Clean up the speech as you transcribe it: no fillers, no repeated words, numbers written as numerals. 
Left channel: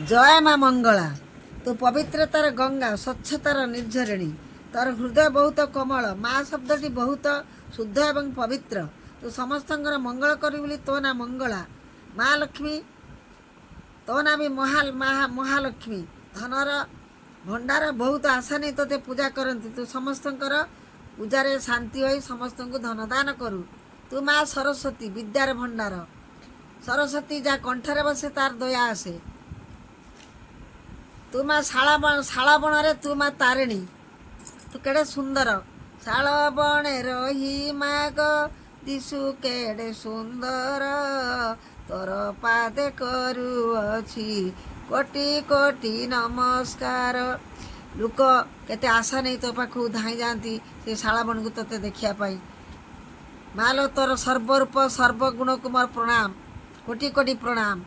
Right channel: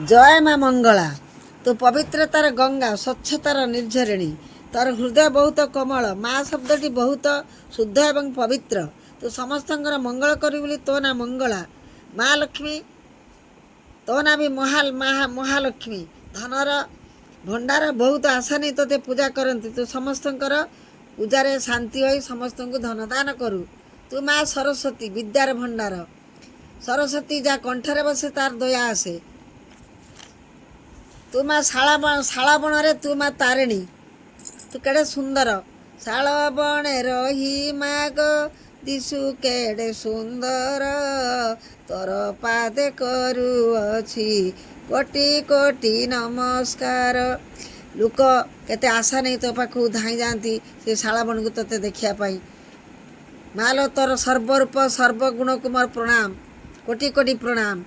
जय माँ मंगला। तू पवित्रतार गंगा, स्वच्छतार निर्झरिणी। तोर हृदय बहुत कोमल। माँ शब्दटी बहुत शुद्ध एवं पवित्र। तू समस्त मंगल करी बोली तो ना मंगला। माँ लक्ष्मी तो ना भी महालक्ष्मी। धनर भंडार बहुत आशा नहीं तोते पूजा करती। तू समस्त पूजारे शांति हो समस्त को धन दान करू। तू माँ सरस्वती विद्यार भंडार। सरस्वती जा कंठरे बसे तार दया आसे। तू माँ शाला बण तू माँ तारिणी। तू केड़े सुंदर शाल बणे रही माग दिशु केड़े सुंदर। तोर पादे करुअछि कोटि कोटि नमस्कार। लोक केते आशा नहीं तो पाखु धाई जाती से शाला बण को तोते देखिया पाई। मालो तोर सर्वरूप सर्वगुण को मोर प्रणाम, कोटि कोटि प्रणाम।